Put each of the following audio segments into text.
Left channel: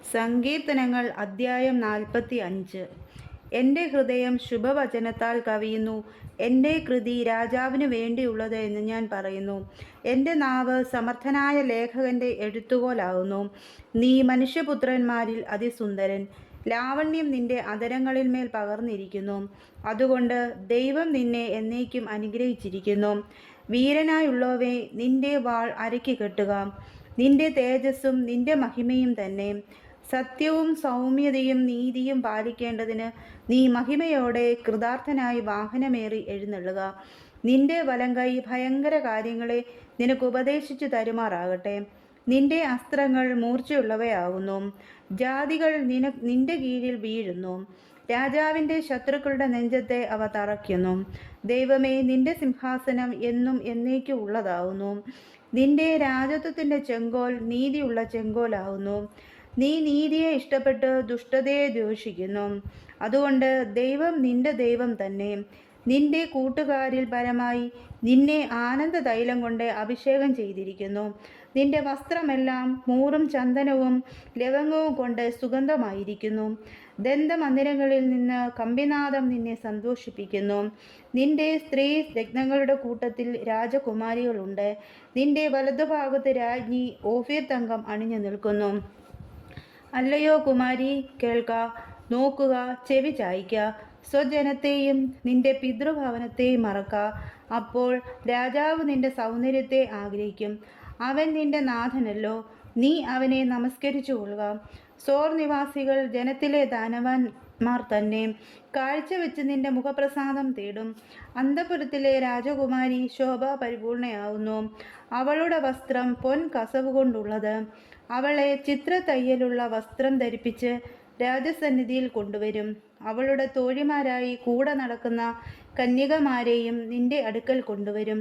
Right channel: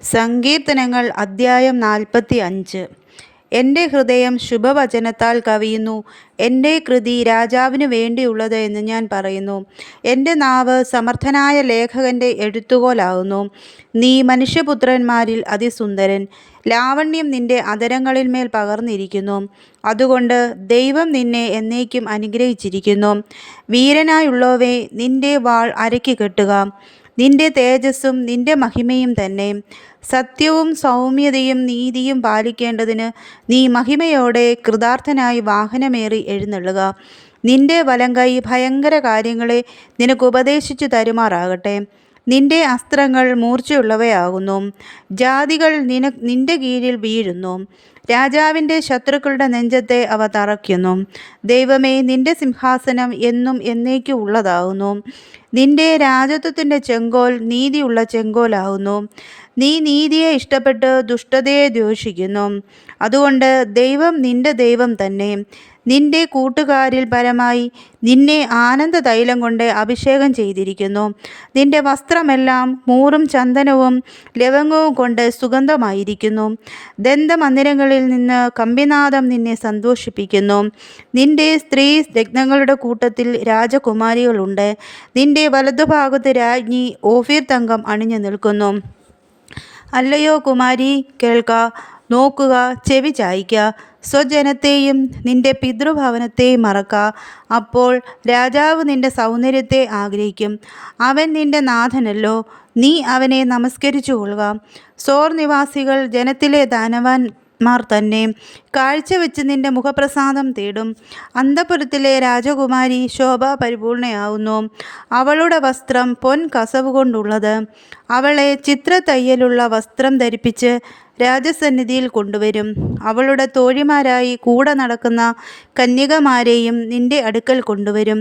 സങ്കീർത്തനങ്ങൾ അദ്ധ്യായം 45. എൻ്റെ ഹൃദയം ശുഭവചനത്താൽ കവിയുന്നു, എൻ്റെ കൃതി രാജാവിനു വേണ്ടിയുള്ളത് എന്ന് ഞാൻ പറയുന്നു. എൻ്റെ നാവ് സമർത്ഥനായ ലേഖകൻ്റെ എഴുത്തുകോലാകുന്നു. നീ മനുഷ്യപുത്രന്മാരിൽ അതിസുന്ദരൻ, ലാവണ്യം നിൻ്റെ അധരങ്ങളിന്മേൽ പകർന്നിരിക്കുന്നു. അതുകൊണ്ട് ദൈവം നിന്നെ എന്നേക്കും അനുഗ്രഹിച്ചിരിക്കുന്നു. വീരനായുള്ളവേ, നിൻ്റെ വാൾ അരയ്ക്ക് കെട്ടുക. നിൻ്റെ തേജസ്സും നിൻ്റെ മഹിമയും തന്നെ. സത്യവും സൗമ്യതയും നീതിയും പാലിക്കേണ്ടതിന് നീ മഹിമയോടെ കൃതാർത്ഥനായി വാഹനമേറി എഴുന്നള്ളുക. നിൻ്റെ വലങ്കൈ ഭയങ്കര കാര്യങ്ങളെ നിനക്ക് ഉപദേശിച്ചു തരുമാറാകട്ടെ. നിൻ്റെ അസ്ത്രങ്ങൾ മൂർച്ചയുള്ളവയാകുന്നു. ജാതികൾ നിൻ്റെ കീഴിൽ വീഴുന്നു. രാജാവിൻ്റെ ശത്രുക്കളുടെ നെഞ്ചത്തെ അവ തറയ്ക്കുന്നു. ദൈവമേ, നിൻ്റെ സിംഹാസനം എന്നും എന്നേക്കും ഉള്ളതാകുന്നു. നിൻ്റെ രാജത്വത്തിൻ്റെ ചെങ്കോൽ നീതിയുള്ള ചെങ്കോലാകുന്നു. നീ നീതിയെ ഇഷ്ടപ്പെട്ട് ദുഷ്ടതയെ ദ്വേഷിക്കുന്നു. അതുകൊണ്ട് ദൈവം നിൻ്റെ ദൈവം തന്നെ. നിൻ്റെ കൂട്ടുകാരിൽ പരമായി നിന്നെ ആനന്ദ തൈലം കൊണ്ട് അഭിഷേകം ചെയ്തിരിക്കുന്നു. നിൻ്റെ വസ്ത്രമെല്ലാം മൂറും ചന്ദനവും ലവംഗവും കൊണ്ട് സുഗന്ധമായിരിക്കുന്നു. ദന്തമന്ദിരങ്ങളിൽ നിന്ന് കമ്പിനാദം നിന്നെ സന്തോഷിപ്പിക്കുന്നു. നിൻ്റെ സ്ത്രീ രത്നങ്ങളുടെ കൂട്ടത്തിൽ രാജകുമാരികളുണ്ട്. നിൻ്റെ വലതുഭാഗത്ത് രാജ്ഞി ഓഫീർ തങ്കം അണിഞ്ഞു നിൽക്കുന്നു. അല്ലയോ കുമാരി, കേൾക്ക, നോക്കുക, ചെവി ചായ്ക്ക. സ്വജനത്തെയും നിൻ്റെ പിതൃഭവനത്തെയും മറക്ക. അപ്പോൾ രാജാവ് നിൻ്റെ സൗന്ദര്യത്തെ ആഗ്രഹിക്കും. അവൻ നിൻ്റെ നാഥനല്ലോ, നീ അവനെ നമസ്കരിച്ചു കൊള്ളുക. സോർ നിവാസികൾ ജനത്തിലെ ധനവാന്മാർ തന്നെ. കാഴ്ചവെച്ച് നിൻ്റെ മുഖപ്രസാദം തേടും. അന്തഃപുരത്തിലെ രാജകുമാരി ശോഭാപരിപൂർണയാവുന്നു. അവളുടെ വസ്ത്രം പൊൻ കസവ് കൊണ്ടുള്ളത്. അവളെ ചിത്രത്തയ്യലുള്ള വസ്ത്രം ധരിപ്പിച്ച് രാജസന്നിധിയിൽ കൊണ്ടുവരും. അവളുടെ തോഴിമാരായി കൂടെ നടക്കുന്ന കന്യകമാരെയും നിൻ്റെ അടുക്കൽ കൊണ്ടുവരും.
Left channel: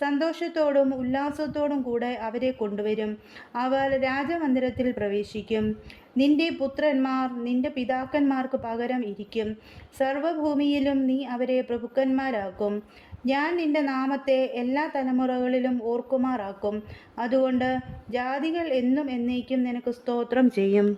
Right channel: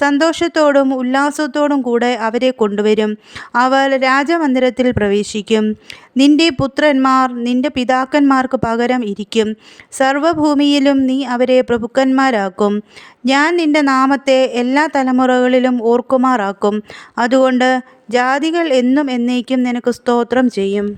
സന്തോഷത്തോടും ഉല്ലാസത്തോടും കൂടെ അവരെ കൊണ്ടുവരും. അവർ രാജമന്ദിരത്തിൽ പ്രവേശിക്കും. നിൻ്റെ പുത്രന്മാർ നിൻ്റെ പിതാക്കന്മാർക്ക് പകരം ഇരിക്കും. സർവ്വഭൂമിയിലും നീ അവരെ പ്രഭുക്കന്മാരാക്കും. ഞാൻ നിൻ്റെ നാമത്തെ എല്ലാ തലമുറകളിലും ഓർക്കുമാറാക്കും. അതുകൊണ്ട് ജാതികൾ എന്നും എന്നേക്കും നിനക്ക് സ്തോത്രം ചെയ്യും.